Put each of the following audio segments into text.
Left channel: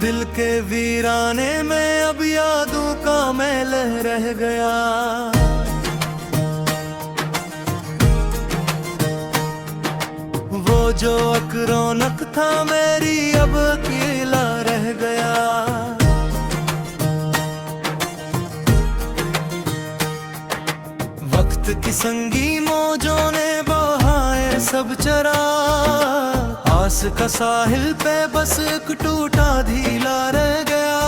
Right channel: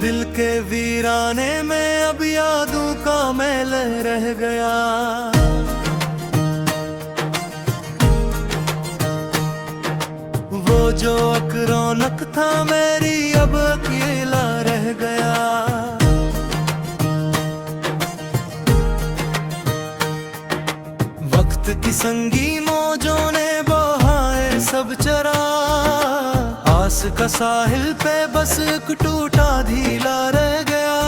दिल के वीराने में अब यादों का मैल रह गया। वो जो एक रौनक था मेरी अब अकेला रह गया। वक्त की संगी मौजों ने बहाए सब चरा, आस का साहिल पे बस एक टूटा धीला रह गया।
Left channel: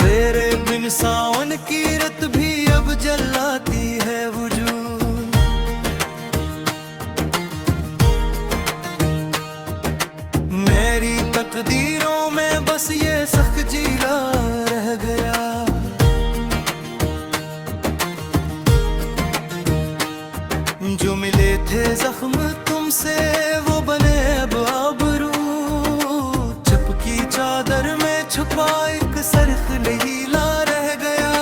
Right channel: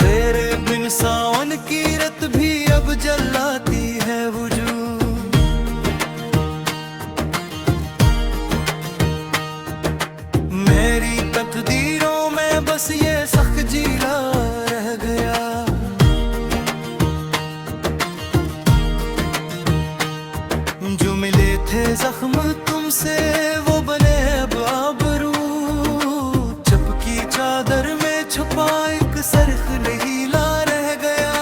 तेरे बिन सावन की रत भी अब जलाती है वजूद। मेरी तकदीरों में बस ये सख्त जीला रह गया। जो मिले थे जख्म तुमसे वो बने अब आबरू। चपकी चादर में छुपा एक सरख नीला रह गया।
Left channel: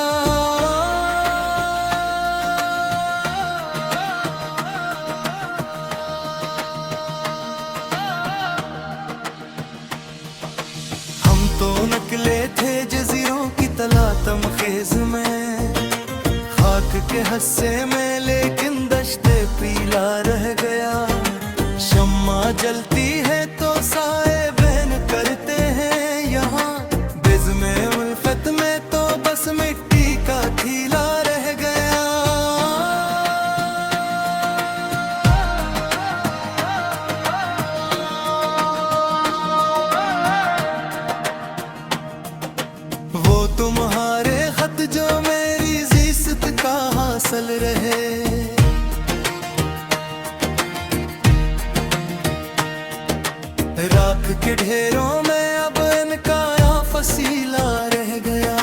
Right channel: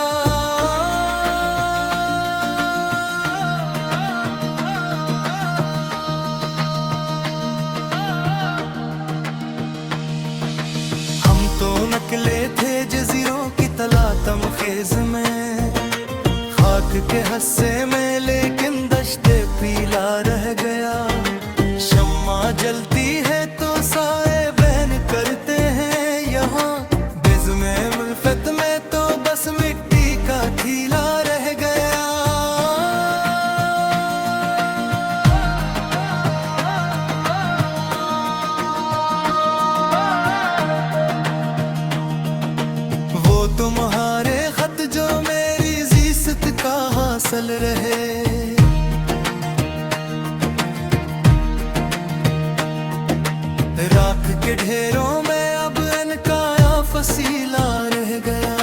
हम तो नकले थे जजीरों की तला तमखेज में, खाक के हस्से में लेकिन दश्ते पीला रह गया। शम्मा जलती है तो साए बहन करते हैं यहाँ, बिज़्मे उल्फत में तो बस मिट्टी का थीला रह गया। वो तुम्हारे खत जो मेरी ज़िस्त का हासिल रहे, राख के ढेरों में अब इनका फसीला रह गया।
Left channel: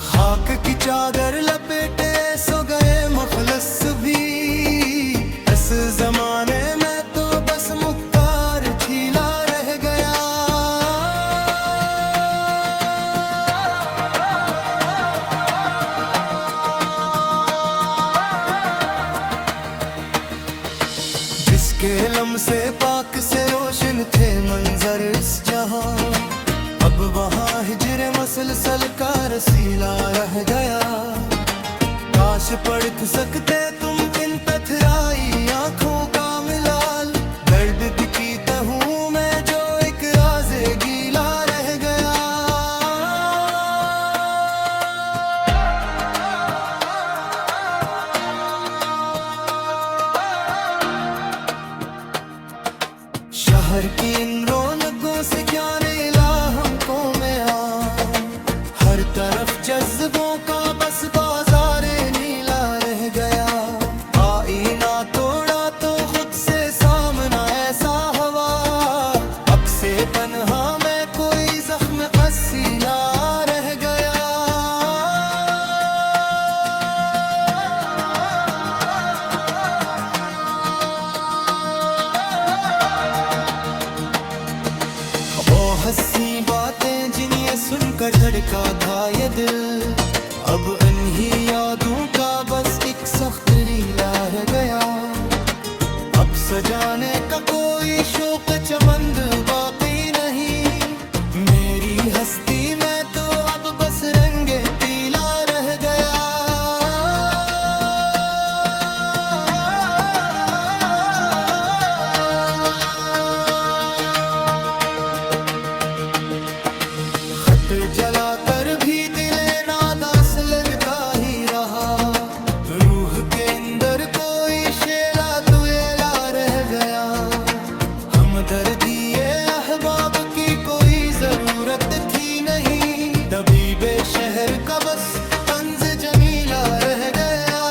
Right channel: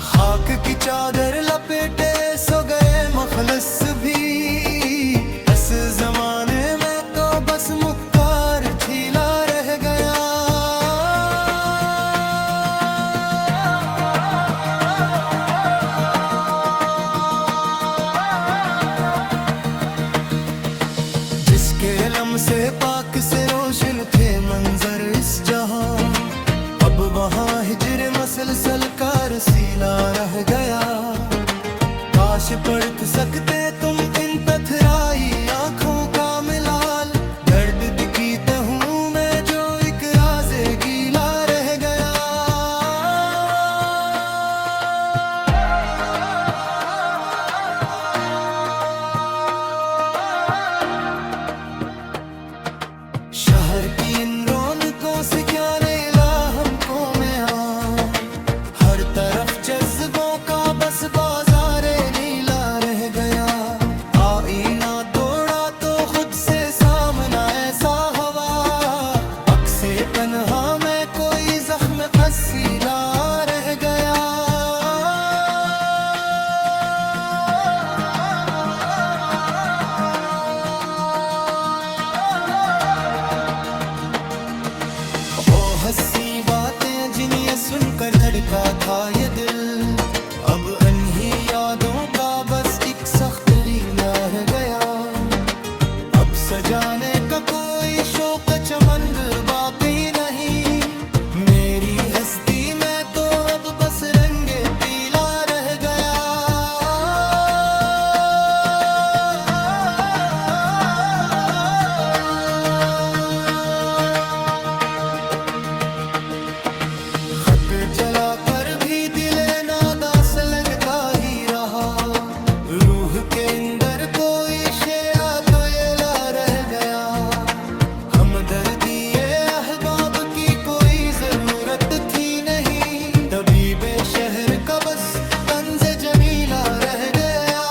खाक की चादर लपेटे सो गए मखलस भी, इस जमाने में तो बस मुक्कार छीला रह गया। जिसके लम से पाक से रोशन थे मंजर इस जहां, अब वहाँ हिजर मसलसल का रसीला रह गया। काश पढ़ सकते तुम इन पथराई आंखों का मिलाल, दर्द की तहूं में जो एक राज़े गीला रह गया। शहर की इन रौनकों से क्या नेला हमको में हर तरफ जज्बों का बस बाजारे नीला रह गया। आईना तोड़ा तो खुद से सामना ऐसा हवा, अक्से पन्हा में कोई जख्म असीला रह गया। हंसी बातें जिन्हें सुनकर धड़का था ये दिल, अब इन्हीं यादों का बस एक सख्त रीला रह गया। अब सजाने का कोई शौक चमंद बाकी नहीं, मेरी हस्ती में तो अब बस रंगे पीला रह गया। जलाकर भी दिले नादास लगता ही रहा, रूह के अंदर कोई शेला तो येला रह गया। हमदर्दी अहबाब की कोई जरूरत थी नहीं, तबीबे शहर का बस तंज जमीला रह गया।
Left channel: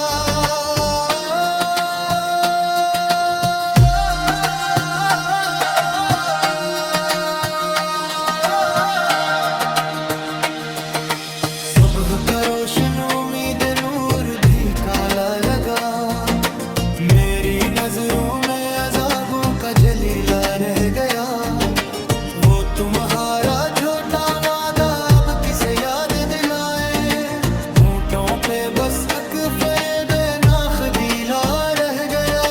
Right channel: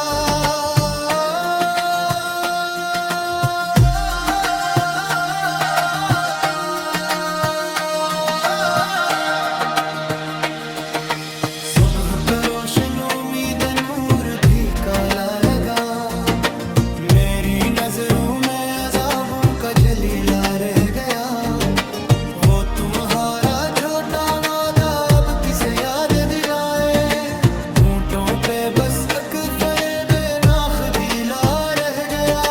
रोशन उम्मीद नूर भी काला लगा, मेरी नजरों में अजाबों का जलीला रह गया। वो तुम्हारा छोटा वादा अब किसे याद दिलाए। होंठों पे बस तक फरेबे नाखदीला रह गया।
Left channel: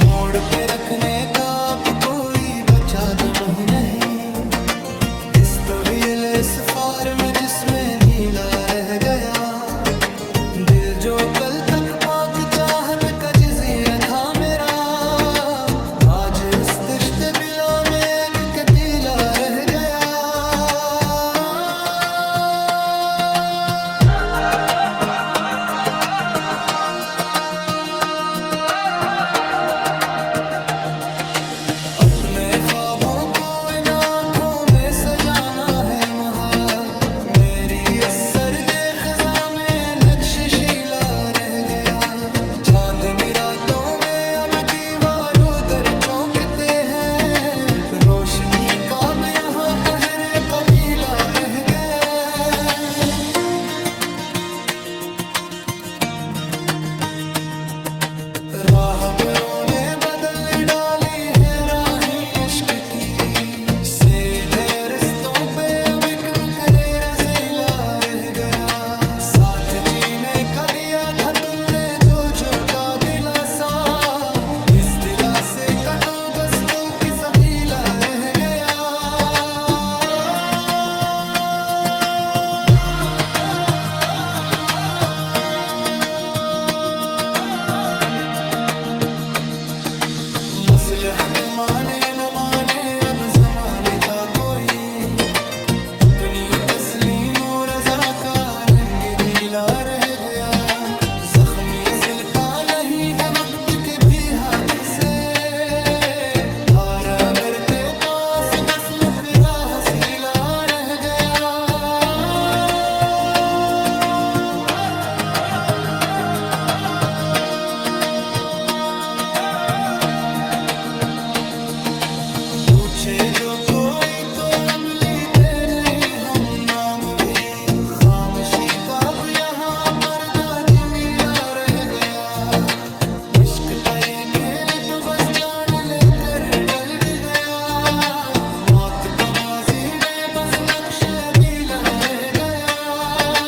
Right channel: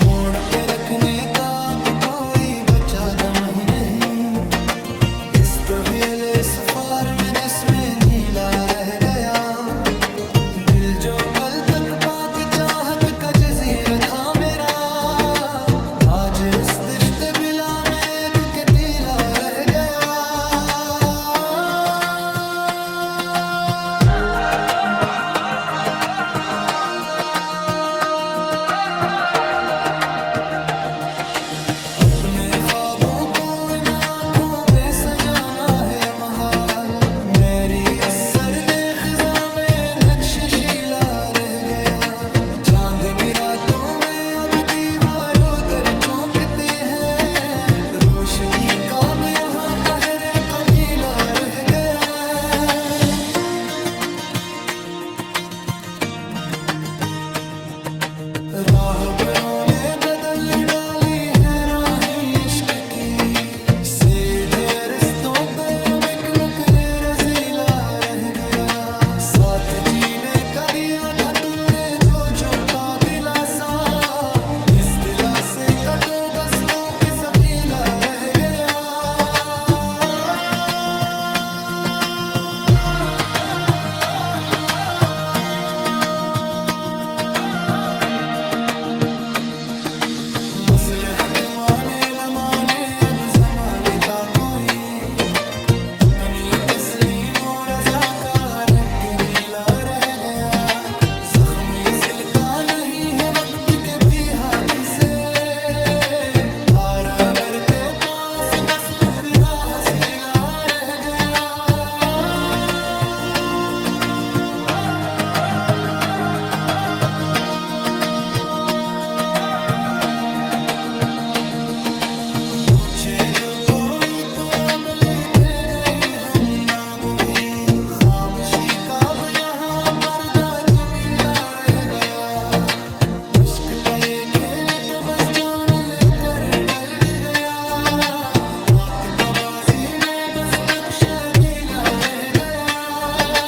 मोड़ पे रखने का अब कोई बचा दम ही नहीं। इस तवील इस फार में जिसमें नीला रह गया। दिल जो कल तक पाक चाहत का जजीरा था मेरा, आज इस दश्त बिला में एक कटीला रह गया। अपने ख्वाबों को इन आँखों में सजाना है महाल। मेरी उस सर्दे खिजा में नक्श शीला रह गया। चांदनी रातों में अब दीवारों दर चौंकते हैं। रोशनी का अब यहाँ पहरे कबीला रह गया। राहबरों ने बदल डाली है राही इश्क की। सीधे रस्तों पे अब एक मुकरे रजीला रह गया। साथ जीने का दिया था तुमने जो झूठा दिलासा, इस दिलासे का तो बस तू की सबीला रह गया। मसलहत माने न माने अब जमाने का कोई। अपनी तस्लीम और रज़ा का रंग नीला रह गया। जख्मी सिलता नहीं है वक्त के भी हाथ से। हारबर के पास बस मुकरा हसीला रह गया। पूछे जो कोई तो अब लीते नहीं हम नाम भी। खामोशी का अब यहाँ पर्दा जमीला रह गया। इश्क का ये खेल तो बस जान लेकर डल गया। मौत का बाजी में बस नक्शे अदीला रह गया।